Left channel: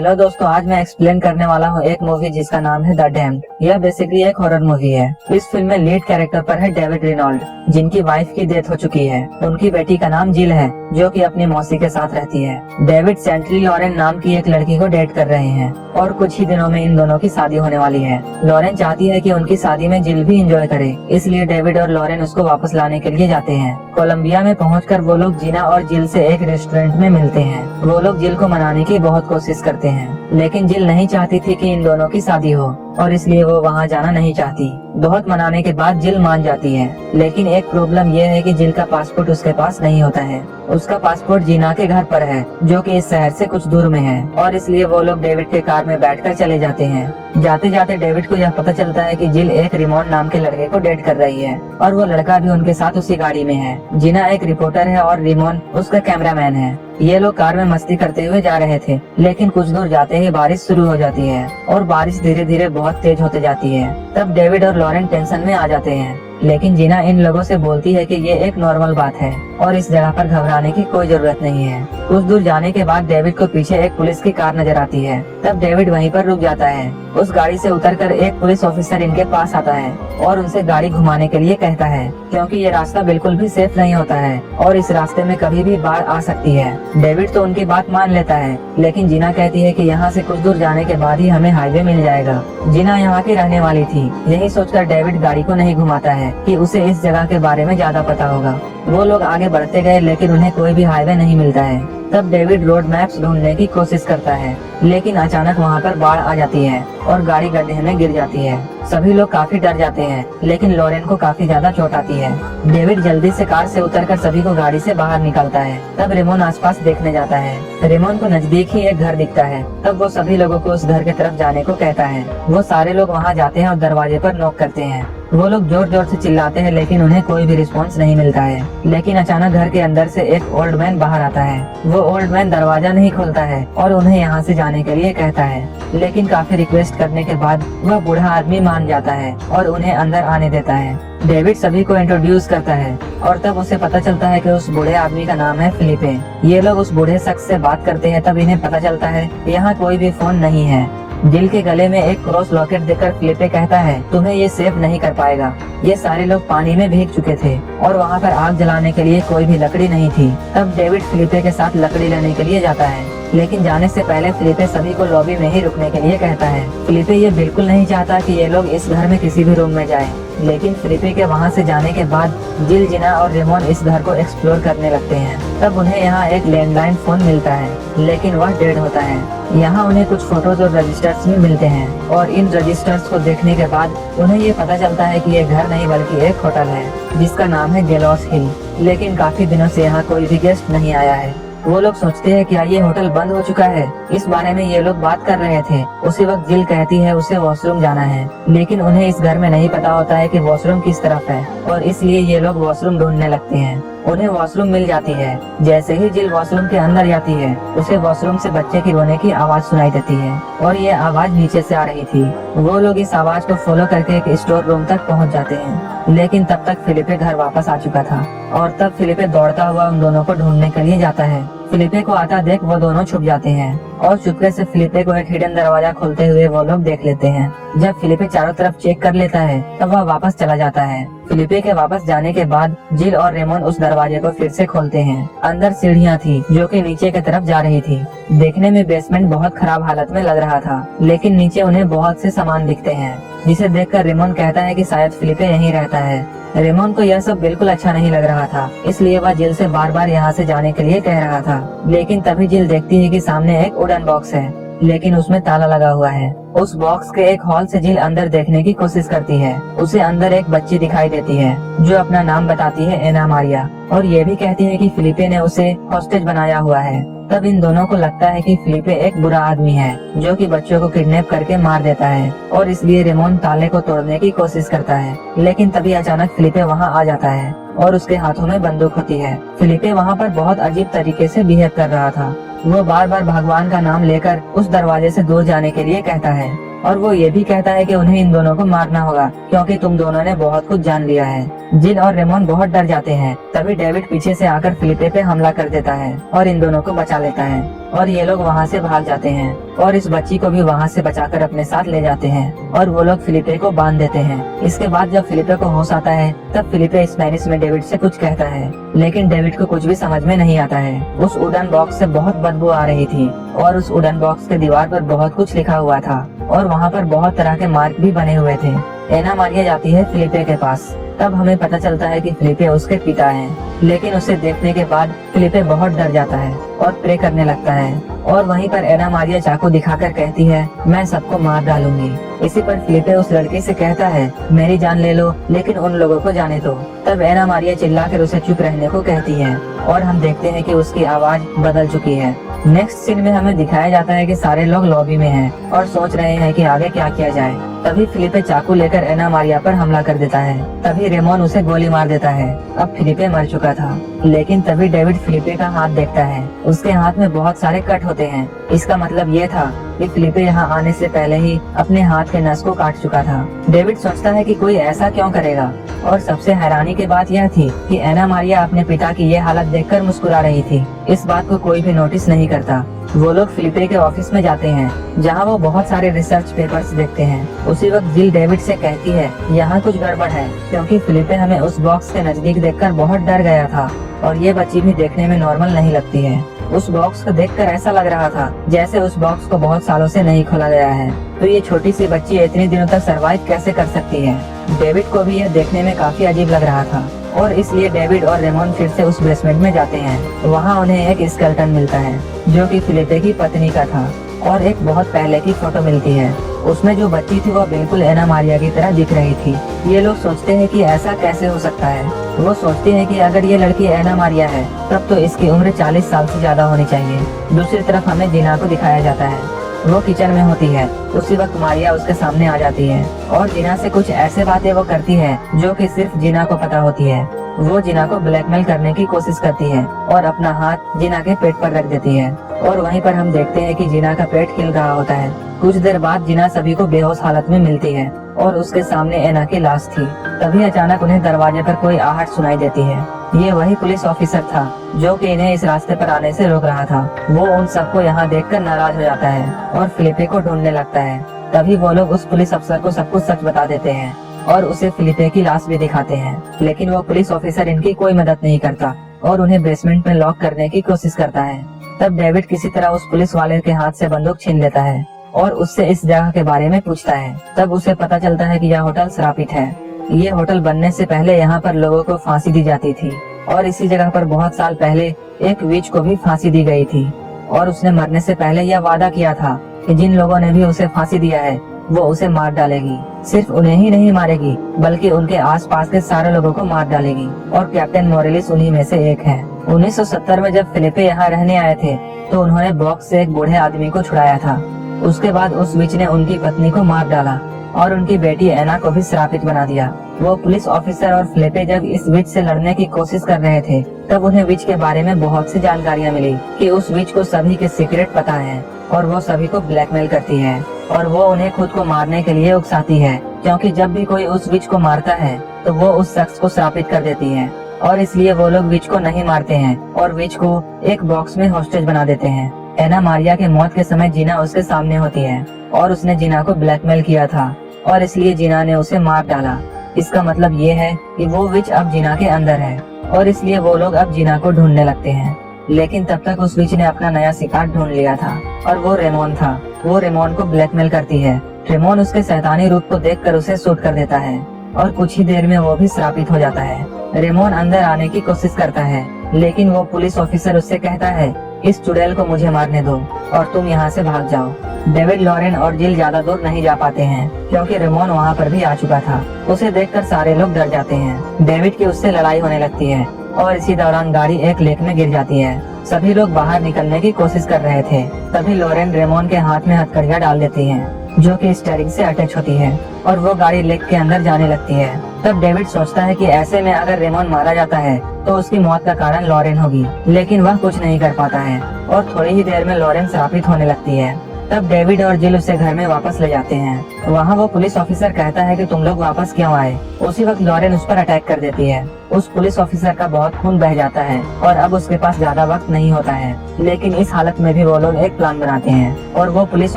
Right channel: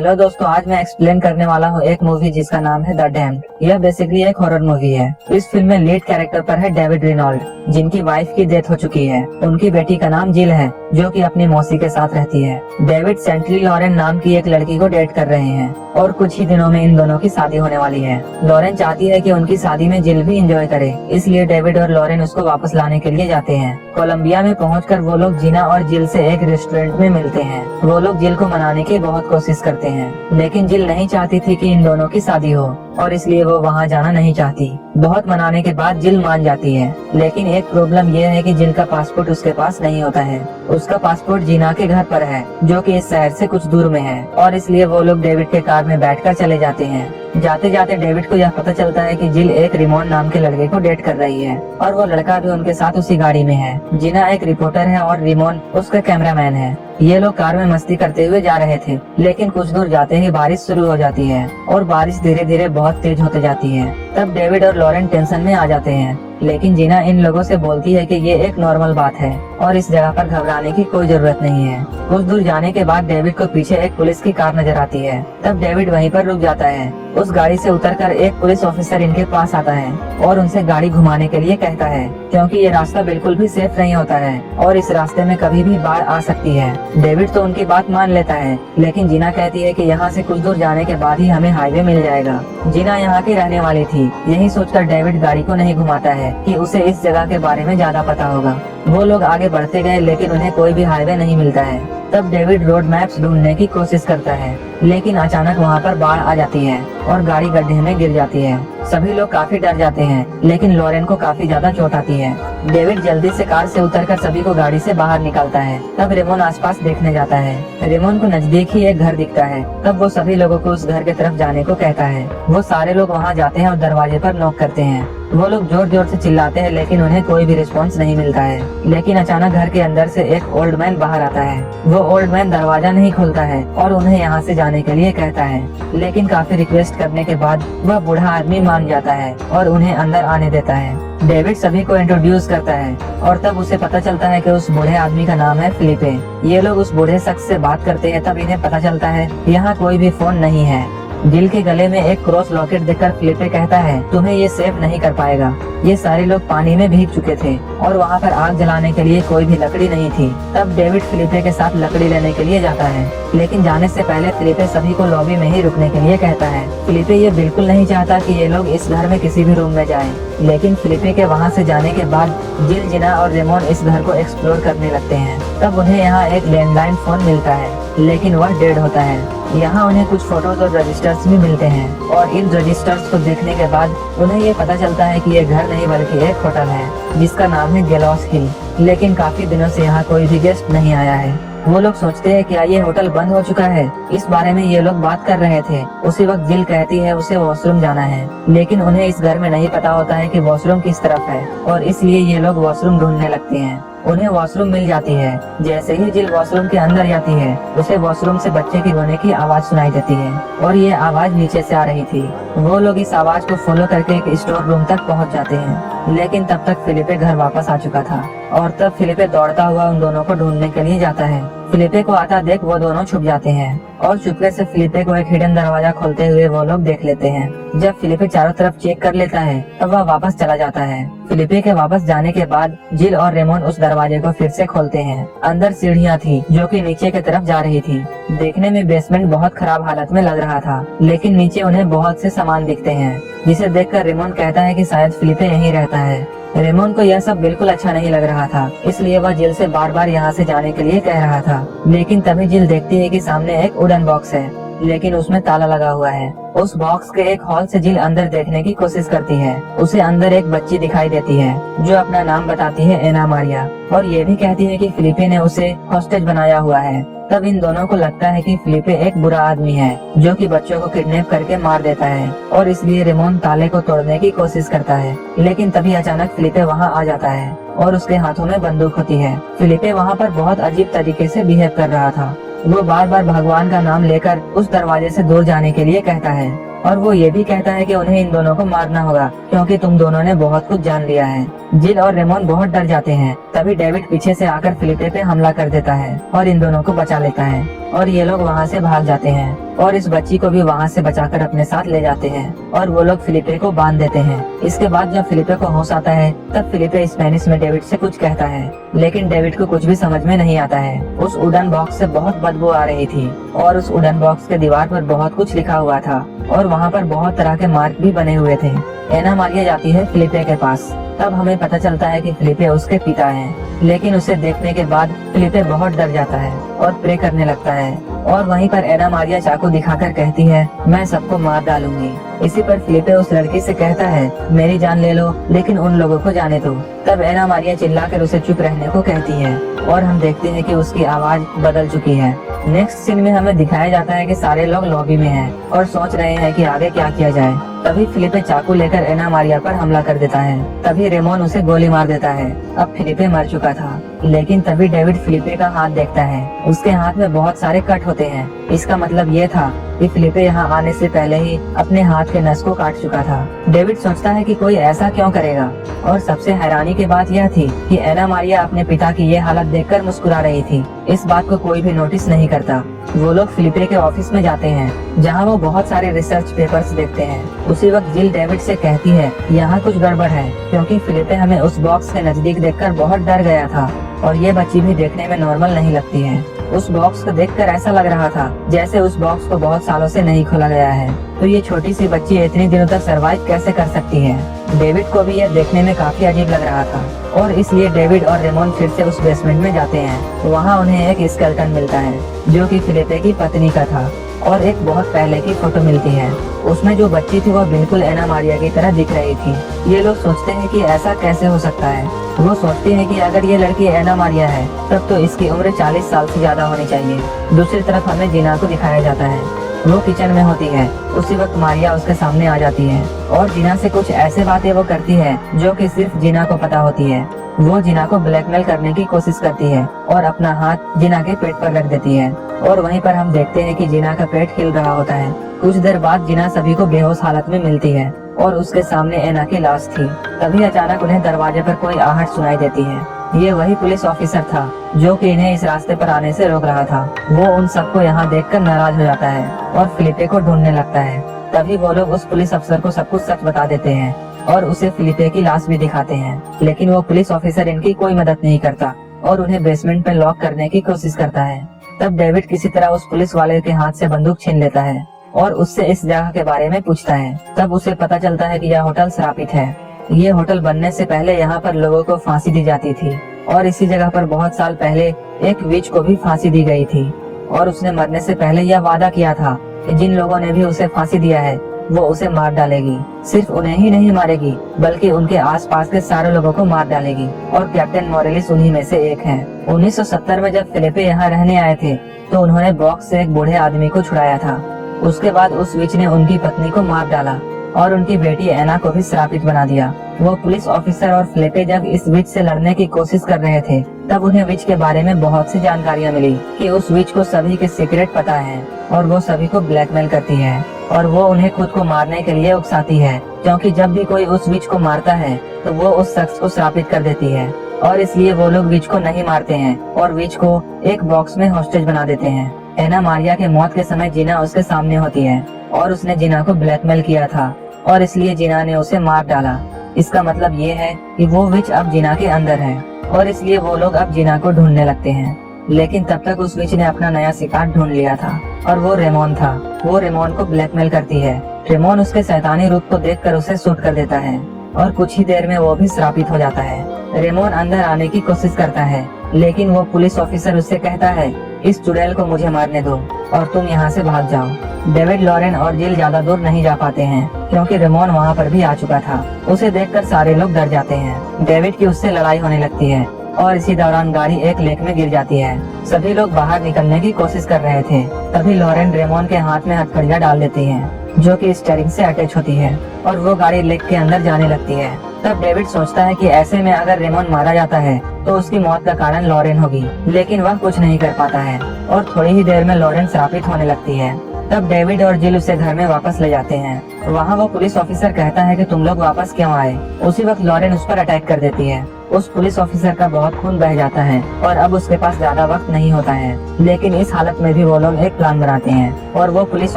Hello दोस्तों, आज मैं एक्सप्लेन करने वाला हूँ एक मूवी जिसका नाम है द डैम्ड। यह बेसिकली एक हॉरर मूवी है। इस फिल्म में लीड कैरेक्टर पर है डेविड रेनॉल्ड, जिनकी वाइफ की डेथ हो चुकी है। उनकी बेटी का नाम जिल है, जो कि अपनी मौसी के साथ रहती है। डेविड सेंट्री लॉरेन नाम की एक लड़की को डेट कर रहे हैं और कुछ ही दिनों में इन दोनों की शादी होने वाली है। लॉरेन चाहती है कि उनकी शादी में जिल भी एंजॉय करे, इसलिए डेविड और लॉरेन उसको वापस लाने के लिए जाते हैं। कोलंबिया में पहुंचकर वो लोग जीना और जिल से एक रेस्टोरेंट में मिलते हैं। वो लोग जिल को मनाने की बहुत कोशिश करते हैं, लेकिन जिल नहीं चाहती थी कि इन दोनों की शादी हो और इसलिए वो वहाँ जाना नहीं चाहती। बहुत मनाने के बाद जिल मान जाती है, लेकिन एक प्रॉब्लम ये है कि जिल का पासपोर्ट उसके पास नहीं होता है। उसका पासपोर्ट जीना के घर पर है, जो कि इस शहर से कुछ दूर में है, और इसलिए वो लोग डेविड के कार में बैठकर चले जाते हैं। जाते जाते डेविड को यह पता चलता है कि जिल एक रिमोन नाम के लड़के को डेट कर रही है और वो लड़का भी उनके साथ उसी गाड़ी में है। जीना एक रिपोर्टर है और रिमोन उसका कैमरामैन है। ये लोग कार में मस्ती करते हुए जा रहे थे, लेकिन कुछ दूर जाते ही बारिश शुरू हो जाती है और बारिश धीरे धीरे बहुत तेज होते जाती है। तब डेविड और लॉरेन टेंशन में आ जाते हैं, लेकिन जीना इन लोगों से बोलती है कि ये एक नॉर्मल बात है और इस जगह पर घबराने की कोई जरूरत नहीं है। कुछ दूर जाने के बाद डेविड को पीछे एक पुलिस की कार नजर आती है। तब डेविड वहीं पर रुक जाता है। उस गाड़ी से उतरकर एक पुलिस ऑफिसर इनके पास आता है और उनसे गाड़ी घुमाने के लिए कहता है, क्योंकि ये रास्ता बिल्कुल भी सेफ नहीं होता है और इस रास्ते में कभी भी बाढ़ आ सकती है। डेविड तो उनकी बात मान लेता है, लेकिन जीना कहती है कि यहाँ से कुछ दूर जाने के बाद ही हमें हाईवे मिल जाएगा। जीना यहाँ की रहने वाली थी, यही सोचकर डेविड गाड़ी को नहीं घुमाता है कि उसे इस जगह के बारे में ज्यादा पता होगा। वो लोग आगे बढ़ते गए, लेकिन उन्हें कोई भी हाईवे नहीं मिलता है। तब डेविड रोड मैप्स ढूंढने की कोशिश करता है, लेकिन अचानक वहाँ पर बाढ़ आ जाती है और गाड़ी गड्ढे में गिर जाती है। सभी लोग काफी डर जाते हैं, लेकिन लॉरेन को काफी ज्यादा चोट आती है। डेविड जल्दी से कार से उतरकर सभी को गाड़ी से बाहर निकालता है। तब रेमोन आसपास देखने जाता है। रेमोन को नजदीक ही एक घर दिखता है। तब वो सभी लोगों को उस घर की तरफ जाने को कहता है। वो सारे लोग वहाँ जाते हैं और दरवाजे पर नॉक करते हैं। वो लोग जोर जोर से चिल्लाते हैं, लेकिन उन्हें कोई भी रिस्पॉन्स नहीं मिलता है। लेकिन अचानक घर के अंदर से एक ओल्ड मैन बाहर आता है। वो ओल्ड मैन दरवाजा नहीं खोलता है और उन्हें यहाँ से जाने के लिए कहता है, लेकिन काफी रिक्वेस्ट करने के बाद वह बूढ़ा आदमी मान जाता है और उन्हें अंदर आने देता है। डेविड सभी को इंट्रोड्यूस करता है और तब उसे पता चलता है कि उस बूढ़े आदमी का नाम है फिलिपे। ये लोग उस बूढ़े शख्स से बात करते हैं। तब इन्हें पता चलता है यहाँ कोई भी फोन नहीं है। जिल के गले में एक क्रॉस लॉकेट देखकर फिलिपे कहता है, तुम्हें ये सेव नहीं कर पाएगा। ये सारे लोग पानी में भीग चुके थे और वहाँ पर आग जलाने के लिए कोई भी लकड़ी नहीं थी। तब डेविड फिलिपे के साथ लकड़ी लेने के लिए जाता है, लेकिन जाने से पहले फिलिपे सभी को लॉबी में ही रुकने के लिए कहता है। फिलिपे ये बिल्कुल नहीं चाहता कि ये लोग इस घर में किसी भी रूम में जाएं, लेकिन फिलिपे के वहाँ से जाने के बाद जिल, जीना और रेमोन इस घर को एक्सप्लोर करने लगते हैं। तब उन्हें यहाँ एक लैंडलाइन फोन मिलता है, लेकिन वह डेड होता है। यहाँ उन्हें कुछ फोटोज और रजिस्टर्स भी मिलते हैं और इन रजिस्टर्स को देखने के बाद उन्हें ये पता चलता है कि ये घर नहीं बल्कि एक होटल है जिसका नाम है गैलोस हिल। लेकिन काफी दिनों से यहाँ कोई भी गेस्ट नहीं आया है। वो लोग सोचते हैं कि ये होटल बंद हो चुका है। इस बारे में ये लोग बात कर रहे थे। उसी वक्त जिल कहती है उसे वॉशरूम जाना है, लेकिन उन्हें इस घर में नहीं पता होता है कि वॉशरूम किस तरफ है और इसलिए ये लोग वॉशरूम ढूंढने लगते हैं। उन्हें वॉशरूम मिल जाती है। जैसे ही जिल वॉशरूम के अंदर जाती है, उसे वॉशरूम से बच्चे की रोने की आवाज सुनाई देती है और ये आवाज नीचे से आ रही थी। वो लोग इस आवाज को फॉलो करके एक स्टोर रूम तक पहुंच जाते हैं, लेकिन तब तक फिलिपे घर वापस आ चुका था और तब फिलिपे दौड़ता हुआ उन दोनों को ढूंढने के लिए जाता है। फिलिपे को आता देख वो दोनों छुप जाते हैं और चुपके से फिलिपे को एक हिडन दरवाजा खोलते हुए वो लोग देख लेते हैं। जब फिलिपे चारों तरफ चेक कर लेता है, तब वह वापस चला जाता है। फिलिपे के वापस जाने के बाद जिल और रेमोन उस दरवाजे को फिर से खोलते हैं। अंदर सीढ़ियाँ थी जो कि नीचे की तरफ जा रही थी। देखने में बेसमेंट बहुत खराब हालत में लग रहा था, लेकिन नीचे उन्हें बहुत से सामान दिखते हैं, जिसे देखकर रेमोन कहता है कि शायद फिलिपे यहीं रहता है। रेमोन को यह सब बिल्कुल अच्छा नहीं लग रहा था, इसलिए वह जिल से बार बार यहाँ से जाने के लिए कह रहा था। लेकिन तभी जिल देखती है कि सामने एक वुडन बॉक्स है, लेकिन उसमें ताला लगा हुआ है। उस बॉक्स के एक हॉल से जिल अंदर देखने की कोशिश करती है। उसे अंदर एक बच्ची दिखाई देती है जो अपना नाम बताती है एना मारिया और ये भी कहती है कि फिलिपे ने उसे हॉस्टेज बनाया हुआ है। तब इन दोनों को लगता है कि फिलिपे एक बुरा आदमी है जो कि बच्चों को किडनैप करके मार देता है और इसलिए रेमोन ताले को तोड़ने की कोशिश करता है। लेकिन तभी अचानक फिलिपे वहाँ आ जाता है और उसके हाथों में बंदूक होती है। फिलिपे वहाँ पर बहुत अजीब तरीके से बिहेव कर रहा था। वो बार बार भगवान का नाम लेकर उस दरवाजे से दूर जाने के लिए कहता है और वो ये भी कहता है कि उन्हें इन दोनों को मारना होगा क्योंकि तुम दोनों ने बहुत कुछ जान लिया है। जिल और रेमोन बहुत डर जाते हैं। तभी डेविड पीछे से आकर फिलिपे पे हमला कर देता है और इन दोनों को बचा लेता है। और ये लोग वहाँ से भाग जाते हैं और इस बच्ची को भी वहाँ से बचाकर अपने साथ ले जाते हैं और वो लोग फिलिपे को बांध देते हैं। इसके बाद जब फिलिपे को होश आता है तब फिलिपे स्पेनिश में डेविड से कुछ कहता है, लेकिन डेविड को कुछ भी समझ में नहीं आता है। उस वुडन बॉक्स से बहुत बदबू आ रही थी और उस वुडन बॉक्स के दीवार पर बहुत कुछ लिखा हुआ था और वहाँ पर बहुत तरह के मार्क भी बने हुए थे। एना मारिया जाती है फिलिपे के पास। तब हमें पता चलता है कि फिलिपे उसके पिता है, लेकिन उसे देखने के बाद फिलिपे बहुत डर जाता है और प्रे करने लगता है। और वहीं पर एना मारिया चाकू दिखाकर कहती है, मैं सबको मार डालूंगी। इसी पर फिलिपे उस लड़की से कहता है, मेरी जान ले लो लेकिन उन लोगों को जाने दो। तब एना मारिया चिल्लाकर उसे चुप रहने को कहती है और हम देखते हैं कि उसकी आवाज बदल चुकी है। नेक्स्ट सीन में हमें दिखाया जाता है कि सारे लोग लॉबी में हैं और सोच रहे हैं कि आगे क्या किया जाए। तभी फिलिपे चाकू लेकर एना मारिया पर हमला कर देता है। तभी रेमोन उसे गोली मार देता है। अब फिलिपे मर चुका था, लेकिन तभी डेविड फिलिपे का हाथ देखता है। उसके हाथ में बहुत सारे कट होते हैं। इसका मतलब ये था कि फिलिपे यहाँ आने से पहले ही अपने हाथ के नस को काट चुका था। डेविड सोचता है कि कोई ऐसा क्यों करेगा, और सबसे हैरानी की बात यह थी कि एना मारिया अपने पिता की ये हालत देखकर मुस्कुरा रही थी। इस बात को कोई भी नोटिस नहीं करता। वो लोग फिलिपे के ऑफिस में जाते हैं जहाँ वो बहुत सारे रिसर्च पेपर्स देखते हैं। उसी वक्त जिल डेविड से कहती है, यहाँ कुछ गड़बड़ है, क्योंकि फिलिपे हमें उस बॉक्स के नजदीक देखकर बहुत डर गया था और ये बच्ची भी देखने में नॉर्मल नहीं लगती है। उस बॉक्स को देखकर ऐसा लग रहा था जैसे उस बॉक्स को बहुत सालों से नहीं खोला गया है। तो ये छोटी सी बच्ची इतने दिनों तक सरवाइव कैसे कर सकती है। डेविड को भी यह देखने में काफी अजीब लग रहा था और इसलिए डेविड और रेमोन फिर से उस बेसमेंट में जाते हैं। तो वहाँ उन्हें एक स्केलेटन मिलता है जो कि फिलिपे की पत्नी का था और एक बहुत पहले की फोटो मिलती है। उसमें जो बच्ची थी वो बिल्कुल एना मारिया की तरह दिख रही थी। ये लोग सोचते हैं कि ऐसा कैसे हो सकता है। वो सोचते हैं कि अगर ये लड़की एना मारिया है तब तो इसकी उम्र 40 साल से ज्यादा होनी चाहिए। दूसरी तरफ हमें जीना को दिखाया जाता है। वो किचन में होती है। उसी वक्त मारिया उसके सामने आ जाती है और जीना से कुछ ऐसे बातें वो करती है जो कि सिर्फ जीना को पता होती है। वो जीना को ब्लैकमेल करने की कोशिश करती है और अपना हाथ जीना के पेट पर रख देती है और वहीं पर हम देखते हैं कि जीना का पेट हिल रहा होता है। कुछ देर बाद जीना सभी को बेहोश हालत में मिलती है और उसके सामने एना की लाश थी। तभी अचानक उन्हें दरवाजे पर कोई आहट सुनाई देती है। ये वही पुलिस ऑफिसर था जो कि इन्हें इस रास्ते पर आने से रोक रहा था। वो उन सबको यहाँ देखकर नाराज हो जाता है और फिलिपे को ढूंढने लगता है। तभी वो लोग उस पुलिस अफसर को सब कुछ सच बता देते हैं और उसे फिलिपे की लाश भी दिखाते हैं, लेकिन वो पुलिस ऑफिसर इनकी कोई मदद नहीं करता और उन्हें बेसमेंट में लॉक करने की कोशिश करता है। तब डेविड किसी तरह उस पुलिस वाले के हाथ से बंदूक छीन लेता है और उससे इस जगह के बारे में पूछता है। तब उसे पता चलता है कि यह होटल श्रापित है। ये होटल बनने से पहले यहाँ पर लोगों को फांसी दी जाती थी और इसी जगह पर बहुत साल पहले एक विच को भी फांसी दी गई थी और उसने मरने से पहले यह वादा किया था कि जिन लोगों ने भी उसे फांसी दिया है वो उसे मार डालेगी। सिर्फ उन्हें ही नहीं मारेगी बल्कि उनके आसपास के सारे लोगों को मार डालेगी और कैप्टन मोरेलिस उन्हीं में से एक है। 1970 में जब फिलिपे यहाँ रहने आए थे तो उन्होंने बॉक्स से एक बूढ़े आदमी को छुड़ाया था। उसके बाद उस विच ने उनकी पत्नी को मार डाला और उनकी बेटी एना को भी श्रापित बना दिया। वो पुलिस ऑफिसर और फिलिपे जब इस विच से लड़ने की कोशिश कर रहे थे तब उन्हें विच के बारे में बहुत सी जानकारियाँ मिली कि उस विच को सभी के सीक्रेट पता है और वो सभी को ब्लैकमेल करती है और वो उन्हें खुद को मारने के लिए उकसाती है, क्योंकि जब भी कोई उस विच को मारता है तो वो उस शख्स को श्रापित कर देती है और इसलिए वो लोग विच को नहीं मारते हैं और विच को एक बॉक्स में हॉस्टेज बना देते हैं। एना मारिया के मौत के समय जीना उसके सामने होती है और उसने जीना को ब्लैकमेल किया था और इसलिए जीना ने उसे मार डाला। इसका मतलब ये है कि वो विच अब जीना के अंदर है और इसलिए वो लोग अब जीना को ढूंढने लगते हैं। लेकिन तब तक उस विच ने अपना नया शिकार ढूंढ लिया था और वो रेमोन था। वो रेमोन को ब्लैकमेल करती है। रेमोन उसके शैतानी रूप को देखकर उसे शूट कर देता है और कुछ ही देर में वो भी श्रापित हो जाता है। रेमोन अंदर आने की कोशिश करता है लेकिन वो पुलिस ऑफिसर उससे कहता है, इस चुड़ैल को मुझे मारने दो और तुम यहाँ से भाग जाओ। डेविड, लॉरेन और जिल ज्यादा दूर नहीं जा पाते हैं क्योंकि रेमोन वहाँ पर भी आ चुका था। उसे देखकर सारे लोग डर जाते हैं। डेविड की उससे लड़ाई होने लगती है और इसी दौरान गाड़ी एक लेक में गिर जाती है। सभी लोग बाहर निकलने की कोशिश कर रहे थे। तभी लॉरेन रेमोन के हाथ में हथकड़ियाँ डाल देती है जो कि स्टीयरिंग से अटैच होती है और वो गाड़ी लेक के अंदर जाने लगती है। तब डेविड सोचता है कि ऐसे में अगर रेमोन मारा जाता है तो उसकी मौत का कारण लॉरेन होगी, लेकिन वह कुछ नहीं कर पाता है और थोड़ी ही देर में लॉरेन श्रापित होने लगती है। तब डेविड और जिल उसे घर में वापस ले जाते हैं। वहाँ वो पुलिस ऑफिसर कहता है कि तुम लोग वापस क्यों आए। उसी वक्त लॉरेन उस पर अटैक कर देती है। उस पुलिस ऑफिसर का बहुत खून बह जाता है और अब उसके पास ज्यादा वक्त नहीं होता है। लेकिन इस हालत में भी वो लोग एक प्लान बनाते हैं और वो पुलिस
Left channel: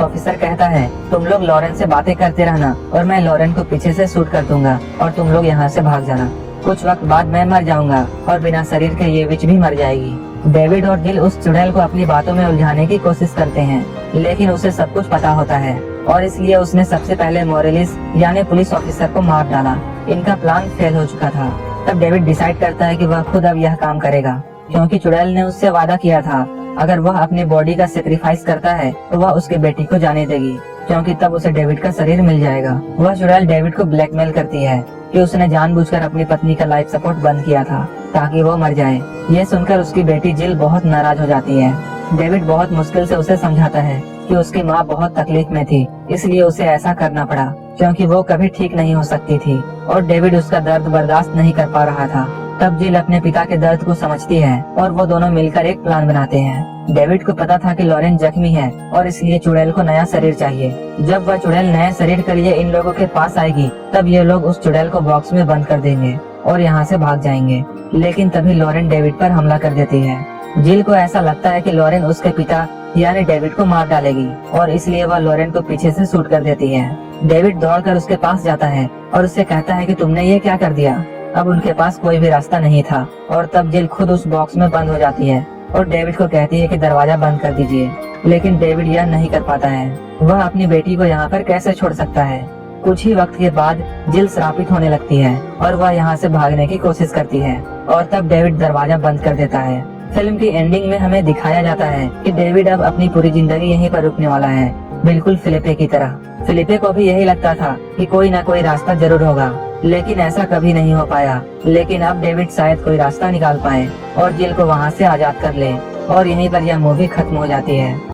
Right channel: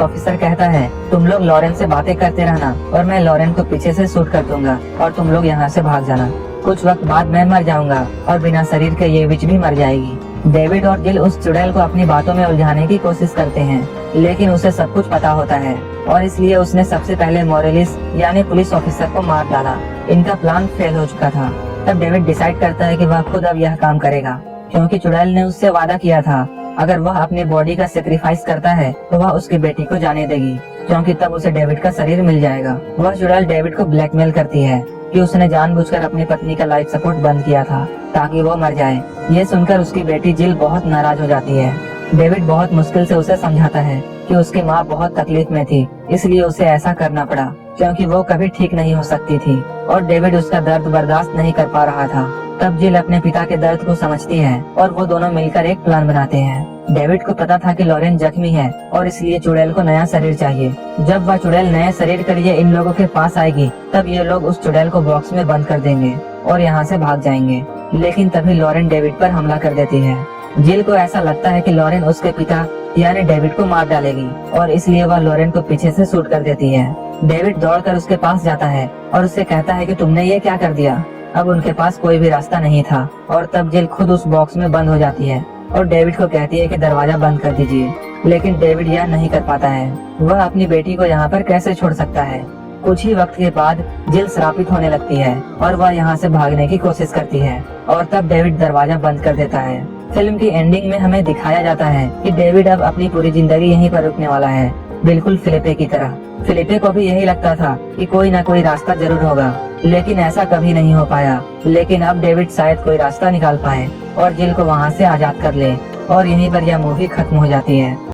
ऑफिसर कहता है तुम लोग लॉरेन से बातें करते रहना और मैं लॉरेन को पीछे से शूट कर दूंगा और तुम लोग यहाँ से भाग जाना। कुछ वक्त बाद मैं मर जाऊंगा और बिना शरीर के ये विच भी मर जाएगी। डेविड और जिल उस चुड़ैल को अपनी बातों में उलझाने की कोशिश करते हैं, लेकिन उसे सब कुछ पता होता है और इसलिए उसने सबसे पहले मोरेलिस यानी पुलिस ऑफिसर को मार डाला। इनका प्लान फेल हो चुका था। तब डेविड डिसाइड करता है कि वह खुद अब यह काम करेगा, क्योंकि चुड़ैल ने उससे वादा किया था अगर वह अपनी बॉडी का सेक्रीफाइस करता है तो वह उसकी बेटी को जाने देगी, क्योंकि तब उसे डेविड का शरीर मिल जाएगा। वह चुड़ैल डेविड को ब्लैकमेल करती है कि उसने जानबूझकर अपनी पत्नी का लाइफ सपोर्ट बंद किया था ताकि वो मर जाए। यह सुनकर उसकी बेटी जिल बहुत नाराज हो जाती है। डेविड बहुत मुश्किल से उसे समझाता है कि उसकी माँ बहुत तकलीफ में थी, इसलिए उसे ऐसा करना पड़ा क्योंकि वो कभी ठीक नहीं हो सकती थी और डेविड उसका दर्द बर्दाश्त नहीं कर पा रहा था। तब जिल अपने पिता के दर्द को समझती है और वो दोनों मिलकर एक प्लान बनाते हैं। डेविड को पता था कि लॉरेन जख्मी है और इसलिए चुड़ैल को नया शरीर चाहिए। जब वह चुड़ैल नए शरीर के लिए इन लोगों के पास आएगी तब ये लोग उस चुड़ैल को बॉक्स में बंद कर देंगे और यहाँ से भाग जाएंगे। लेकिन तभी लॉरेन डेविड पर हमला कर देती है। जिल को ऐसा लगता है कि लॉरेन उसके पिता यानी डेविड को मार डालेगी और इसलिए वह लॉरेन को पीछे से शूट कर देती है। डेविड दौड़कर उसके पास जाता है और उससे कहता है कि तुमने ये क्या कर दिया। अब उनके पास कोई भी रास्ता नहीं था और तब जिल खुद उस बॉक्स में बंद हो जाती है और डेविड को कहती है कि दरवाजा बंद कर दीजिए, लेकिन डेविड यह नहीं कर पाता है। वह अपनी बेटी को यहाँ पर कैसे छोड़ सकता है। कुछ ही वक्त के बाद जिल श्रापित होने लगती है और वह यहाँ से भागने की कोशिश करती है और तब डेविड दरवाजा बंद कर देता है। फिल्म की एंडिंग में हमें दिखाया जाता है कि डेविड अब अपनी पूरी जिंदगी यहीं पर रुकने वाला है, बिल्कुल फिलिपे की तरह। फिलिपे को भी यही लगता था कि कोई ना कोई रास्ता जरूर होगा, लेकिन ऐसा कभी नहीं हो पाया। लेकिन अब डेविड शायद कोई रास्ता निकाल पाए और जिल को वहाँ से आजाद कर ले और यहीं पर यह मूवी खत्म हो जाती है।